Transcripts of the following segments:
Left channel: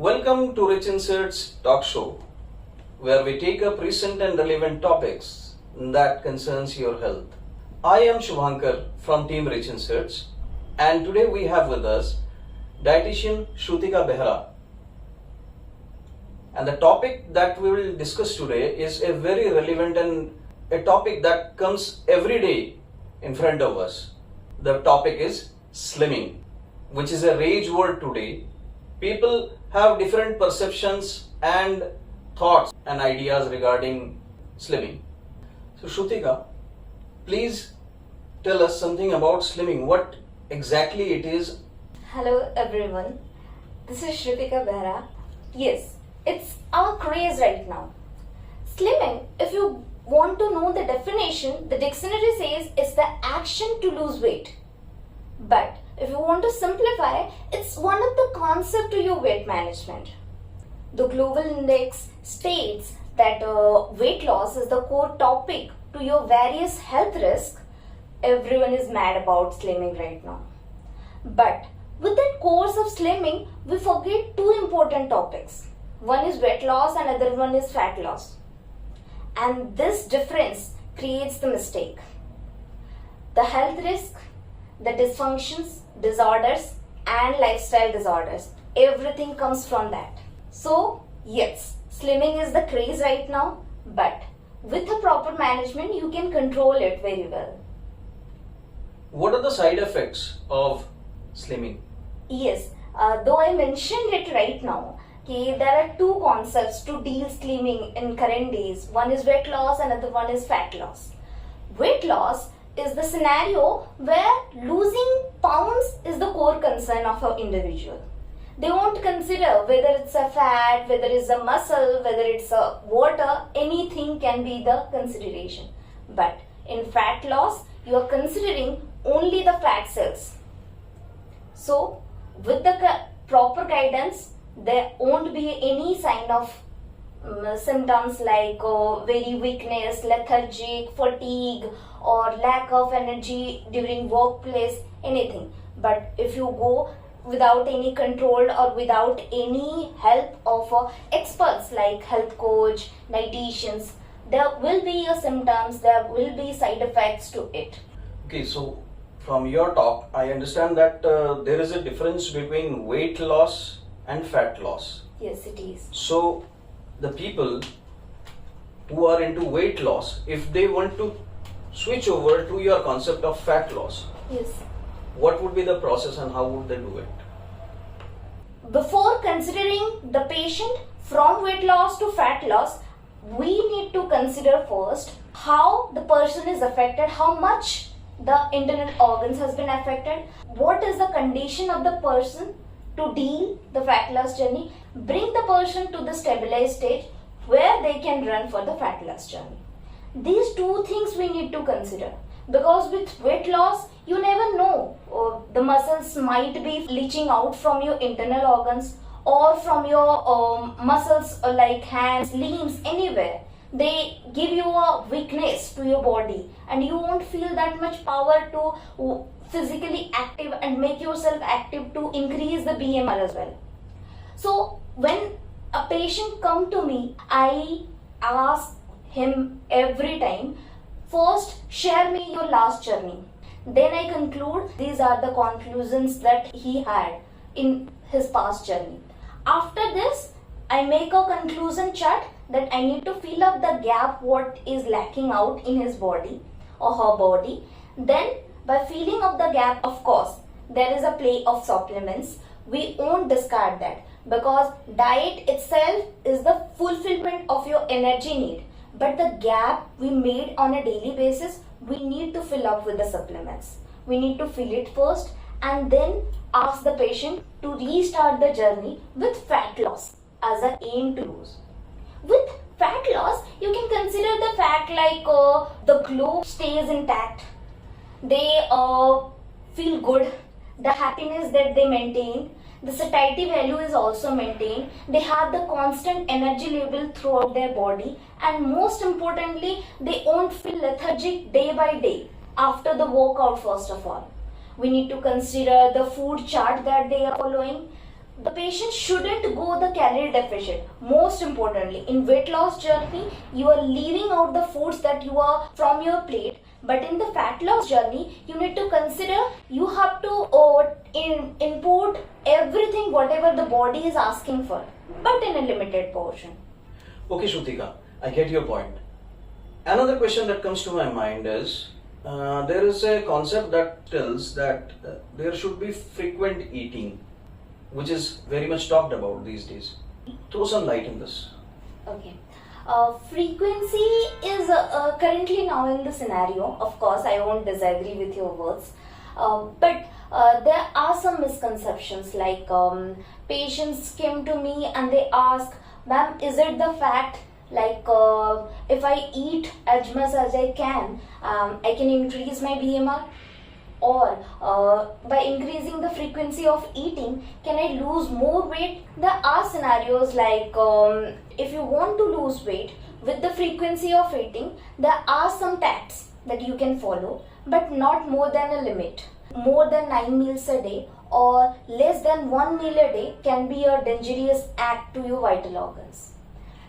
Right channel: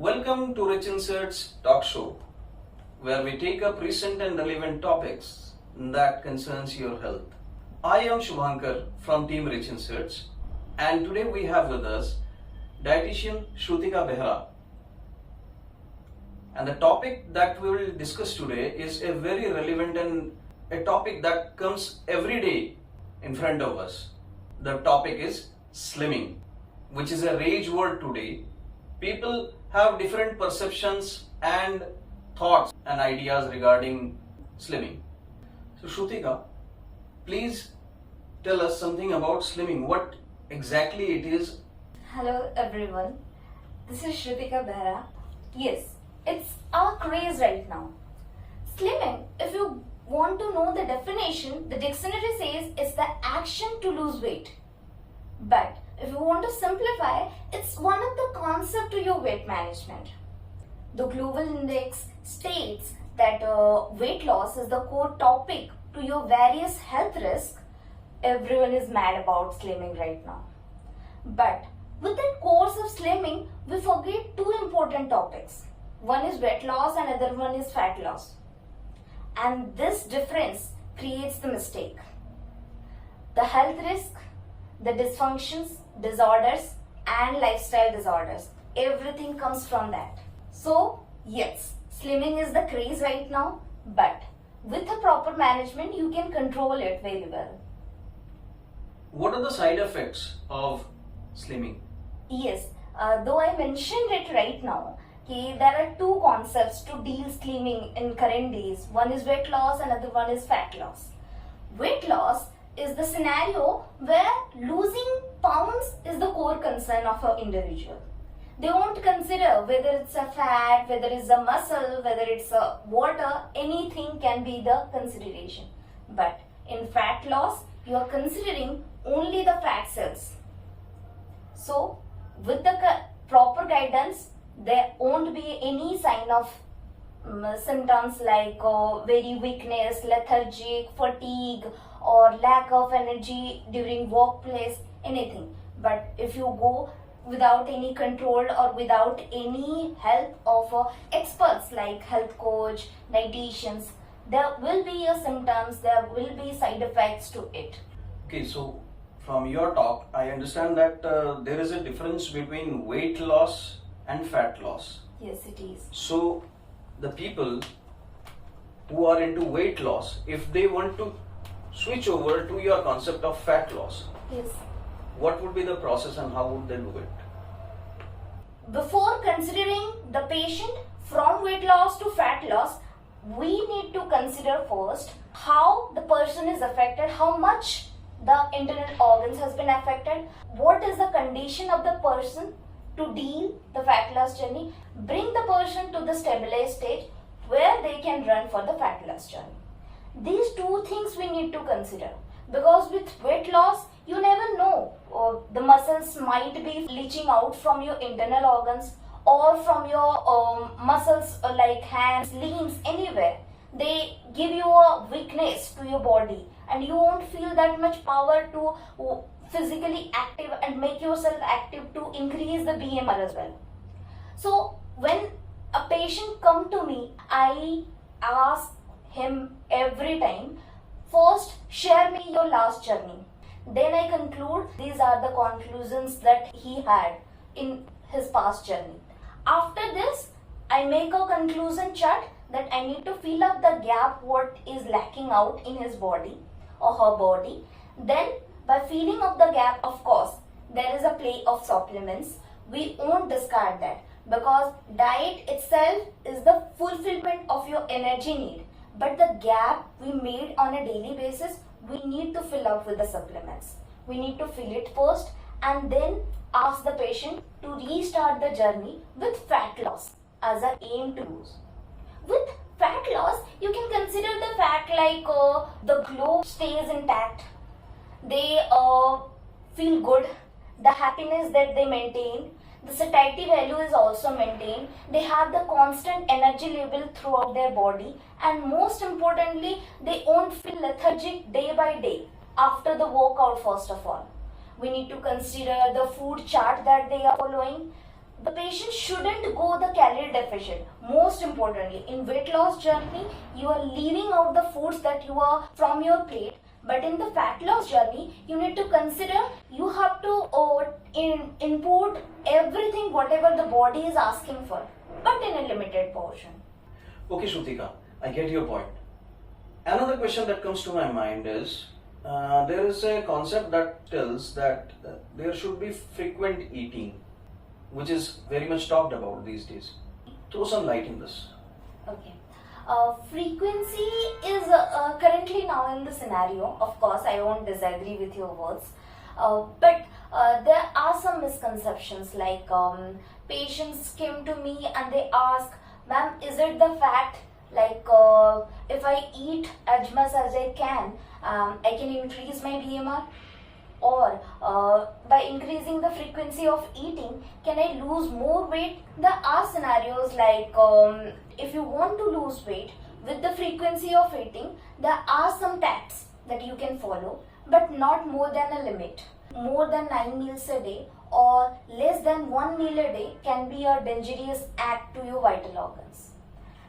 Welcome to Rich Inserts Talk Show, where we take up recent and relevant topics that concerns your health. I am Shubhankar from Team Rich Inserts, and today we have with us dietitian Shrutika Behra. And the topic that we will discuss today is a very relevant and a topic that comes every day in front of us. The topic is slimming, which is a rage word today. People have different perceptions and thoughts and ideas regarding slimming. So Shrutika, please tell us something about slimming, what exactly it is. Hello everyone, this is Shrutika Behra. Yes, it's our craze right now. Slimming, if you want to know the definition, the dictionary says it's the action to lose weight. But if you want to simplify, it's one of the concepts to your weight management. The global index states that weight loss is the core topic to your various health risks. Everyone is mad about slimming right now. But with that course of slimming, we forget two important topics. One is weight loss and other one is fat loss. And this difference creates the mistake. The health risk, the dysfunctions, disorders and lifestyle disorders. Everything comes from that. So yes, slimming is the craze right now, but with a proper management you can control it very well. What are the side effects of slimming? Yes, though I mentioned it right now, there are two concepts to deal slimming in current days. One is weight loss and other one is fat loss. Weight loss is the scenario where losing pounds is the core concern of an individual. They won't consider whether it's a fat, whether it's a muscle, whether it's a water, anything can be the consideration. But in fat loss, you are considering only the fat cells. So with the proper guidance, there won't be any sign of symptoms like very weakness, lethargic, fatigue or lack of energy during workplace, anything. But if you go without any control or without any help of experts like health coach, dietitians, there will be symptoms, there will be side effects to it. Okay, so from your talk, I understand that there is a difference between weight loss and fat loss. Yes, it is. So the people who are into weight loss, if they want to switch over to your concept of fat loss, yes, what would be the process and how would they do it? Before considering the patient from weight loss to fat loss, we need to consider first how the person is affected, how much the internal organs has been affected, what is the condition of the person to deal the fat loss journey, bring the person to the stabilized stage where they can run for the fat loss journey. These two things we need to consider, because with weight loss you never know, the muscles might be leaching out from your internal organs or from your muscles like hands, limbs, anywhere. They give you a weakness to your body and you won't feel that much power to physically active and make yourself active to increase the BMR as well. So when a patient come to me, I ask him every time, first share me your last journey. Then I conclude these are the conclusions that he had in his past journey. After this, I make a conclusion chart that I need to fill up the gap what is lacking out in his body or her body. Then by filling up the gap, of course, there is a play of supplements. We won't discard that because diet itself is the fulfillment of your energy need. But the gap we made on a daily basis, we need to fill up with the supplements. We need to fill it first and then ask the patient to restart the journey with fat loss as an aim to lose. With fat loss, you can consider the fact like the glow stays intact. They feel good. The happiness that they maintain, the satiety value is also maintained. They have the constant energy level throughout their body, and most importantly, they won't feel lethargic day by day after the workout. First of all, we need to consider the food chart that they are following. The patient shouldn't go the calorie deficit. Most importantly, in weight loss journey, you are leaving out the foods that you are from your plate. But in the fat loss journey, you need to consider you have to input everything whatever the body is asking for, but in a limited portion. Okay, Shrutika, I get your point. Another question that comes to my mind is there is a concept that tells that there should be frequent eating, which is very much talked about these days. Throw some light in this. Okay. Frequency is currently now in the scenario. Of course, I won't disagree with your words. But there are some misconceptions like patients came to me and they ask, ma'am, is it the fact like if I eat as much as I can increase my BMR? Or by increasing the frequency of eating, can I lose more weight? There are scenarios like if you want to lose weight with the frequency of eating, there are some tactics that you can follow, but not more than a limit. More than 9 meals a day or less than 1 meal a day can be a dangerous act to your vital organs.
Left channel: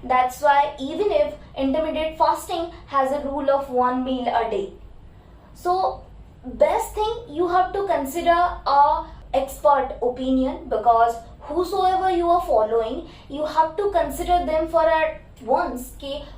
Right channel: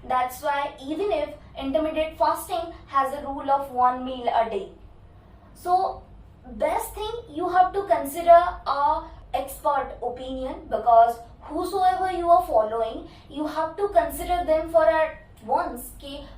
That's why even if intermittent fasting has a rule of 1 meal a day. So best thing you have to consider a expert opinion, because whosoever you are following, you have to consider them for at once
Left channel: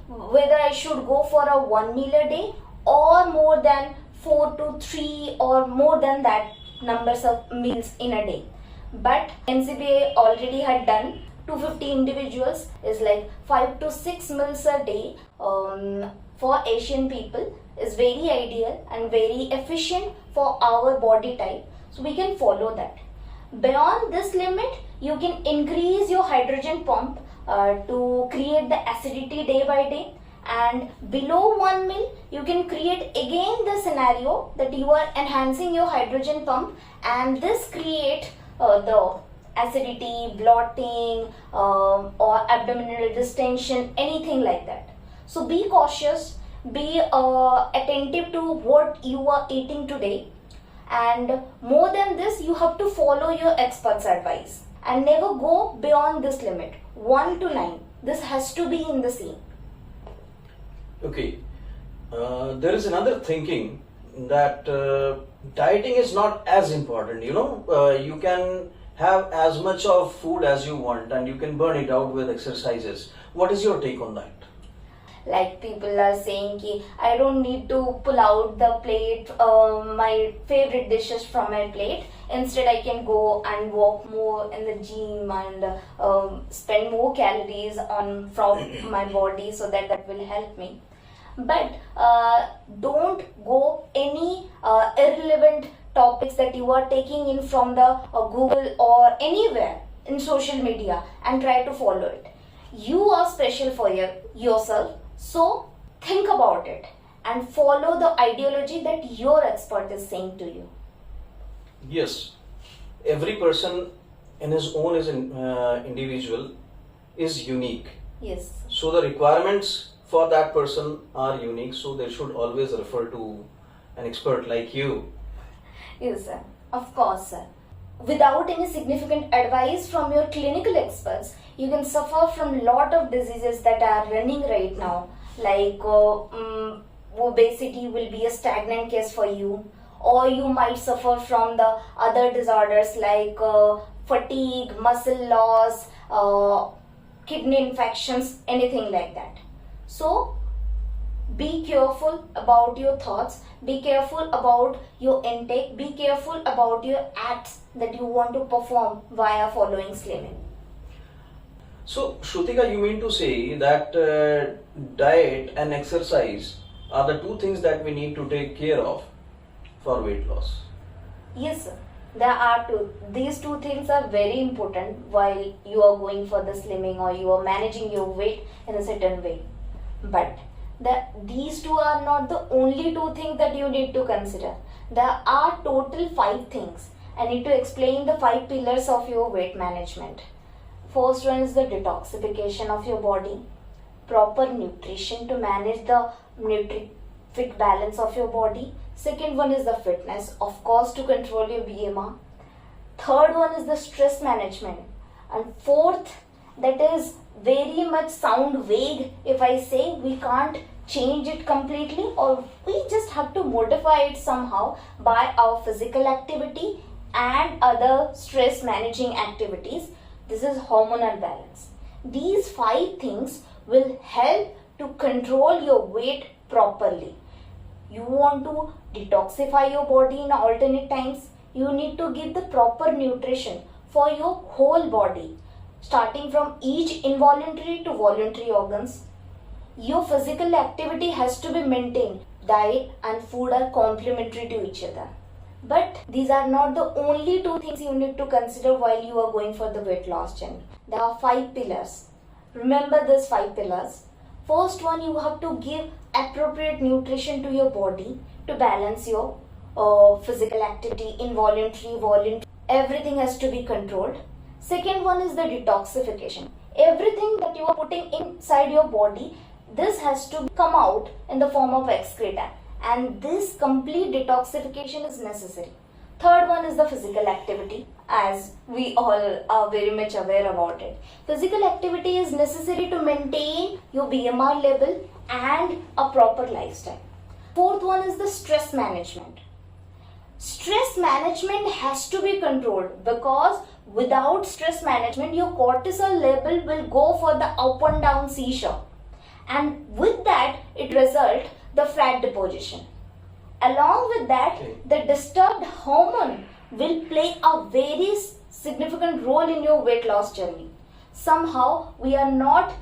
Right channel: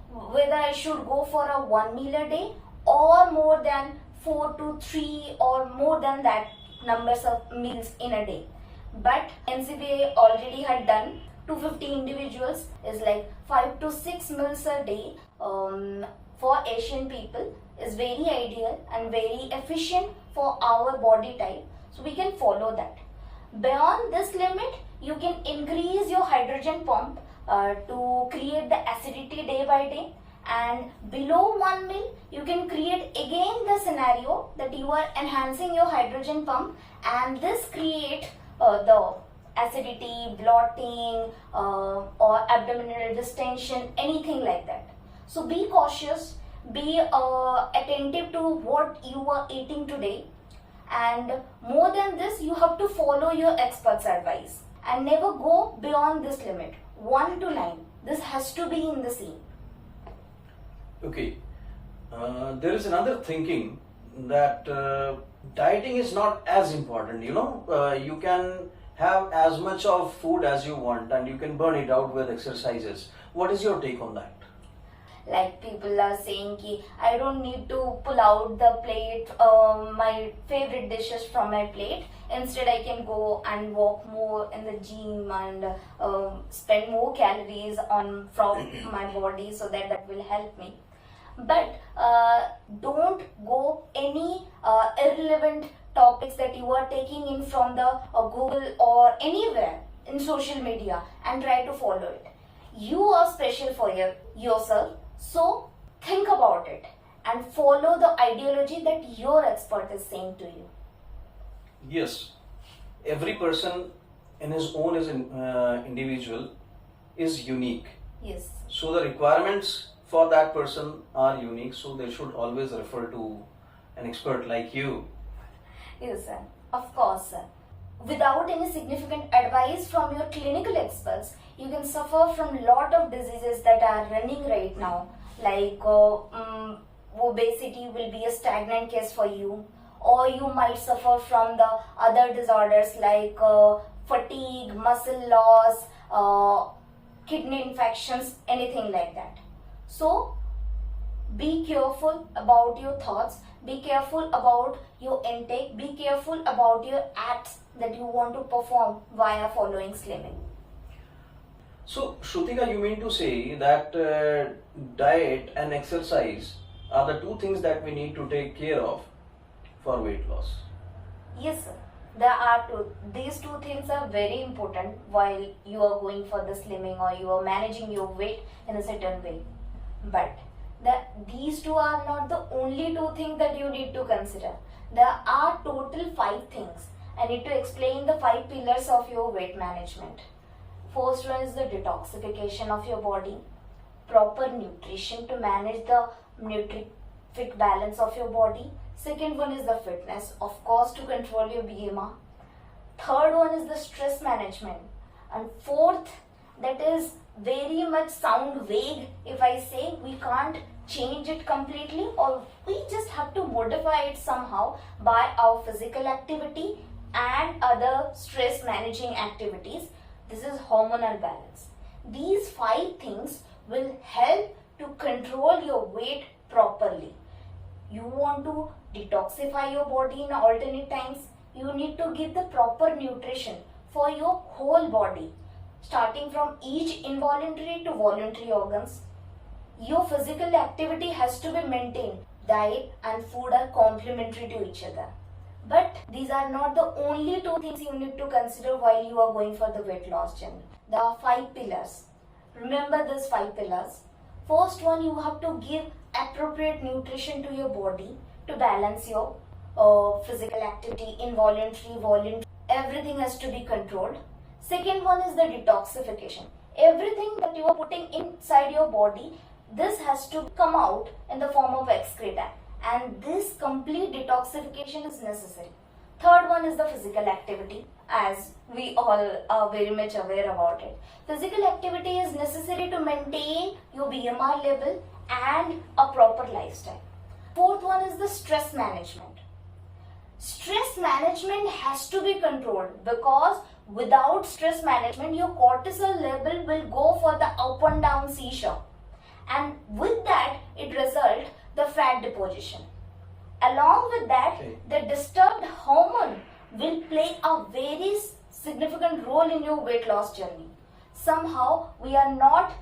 whether I should go for a 1 meal a day or more than 4 to 3 or more than that numbers of meals in a day. But NCBA already had done 250 individuals is like 5 to 6 meals a day for Asian people is very ideal and very efficient for our body type. So we can follow that. Beyond this limit, you can increase your hydrogen pump to create the acidity day by day. And below 1 mil, you can create again the scenario that you are enhancing your hydrogen pump, and this create the acidity, bloating, or abdominal distension, anything like that. So be cautious, be attentive to what you are eating today, and more than this, you have to follow your expert's advice and never go beyond this limit 1 to 9. This has to be in the same. Okay, there is another thinking that dieting is not as important. You can have as much of food as you want and you can burn it out with exercises. What is your take on that? Like people are saying ki I don't need to pull out the plate, my favorite dishes from my plate. Instead, I can go and walk more in the gym and spend more calories on from my body, so that will help me. But don't go any irrelevant topics that you are taking in from the Google or anywhere in social media and try to follow it. You are special for yourself, so think about it and follow the ideology that your expert is saying to you. Yes, every person in his own is individual, is unique. Yes. So the requirements for that person are unique, so they should always refer to an expert like you. Yes, sir. Of course, sir. Without any significant advice from your clinical experts, you can suffer from a lot of diseases that are running right now, like obesity will be a stagnant case for you, or you might suffer from the other disorders like fatigue, muscle loss, kidney infections, anything like that. So be careful about your thoughts, be careful about your intake, be careful about your acts that you want to perform via following slimming. So, Shrutika, you mean to say that diet and exercise are the two things that we need to take care of for weight loss? Yes, sir. There are two. These two things are very important while you are going for the slimming or you are managing your weight in a certain way. But these two are not the only two things that you need to consider. There are total 5 things. I need to explain the 5 pillars of your weight management. First one is the detoxification of your body, proper nutrition to manage the nutrific balance of your body. Second one is the fitness, of course, to control your BMR. Third one is the stress management, And fourth, that is very much sound vague if I say we can't change it completely, or we just have to modify it somehow by our physical activity and other stress managing activities. This is hormonal balance. These 5 things will help to control your weight properly. You want to detoxify your body in alternate times, you need to give the proper nutrition for your whole body, starting from each involuntary to voluntary organs. Your physical activity has to be maintained. Diet and food are complementary to each other. But these are not the only 2 things you need to consider while you are going for the weight loss journey. There are 5 pillars. Remember these 5 pillars. First one, you have to give appropriate nutrition to your body to balance your physical activity, involuntary, voluntary. Everything has to be controlled. Second one is the detoxification. Everything that you are putting inside your body, this has to come out in the form of excreta. And this complete detoxification is necessary. Third one is the physical activity, as we all are very much aware about it. Physical activity is necessary to maintain your BMR level and a proper lifestyle. Fourth one is the stress management. Stress management has to be controlled, because without stress management, your cortisol level will go for the up and down seesaw. And with that, it results the fat deposition. Along with that, the disturbed hormone will play a very significant role in your weight loss journey. Somehow, we are not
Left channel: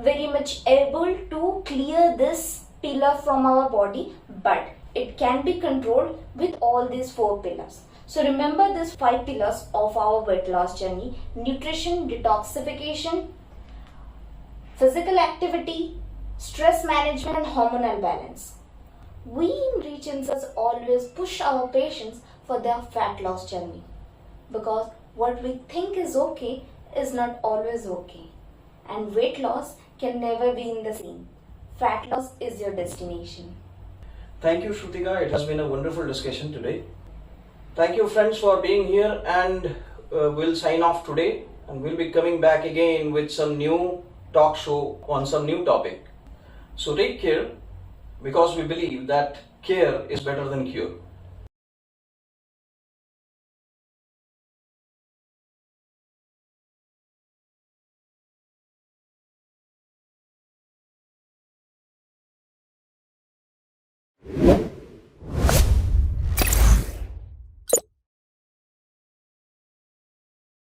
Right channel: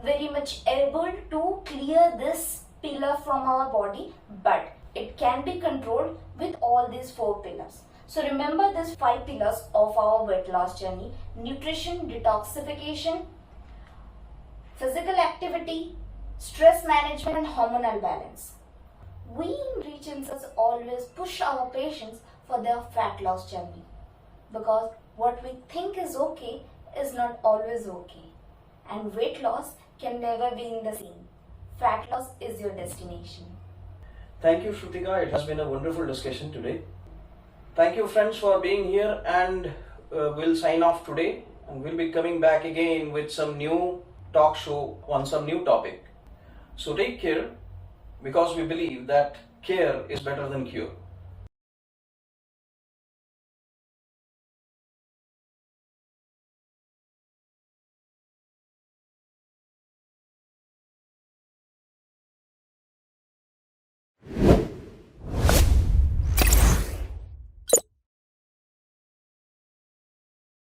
very much able to clear this pillar from our body, but it can be controlled with all these 4 pillars. So remember these 5 pillars of our weight loss journey: nutrition, detoxification, physical activity, stress management, and hormonal balance. We in Reach Insights always push our patients for their fat loss journey, because what we think is okay is not always okay, and weight loss can never be in the same. Fat loss is your destination. Thank you, Shrutika. It has been a wonderful discussion today. Thank you, friends, for being here, and we'll sign off today, and we'll be coming back again with some new talk show on some new topic. So take care, because we believe that care is better than cure.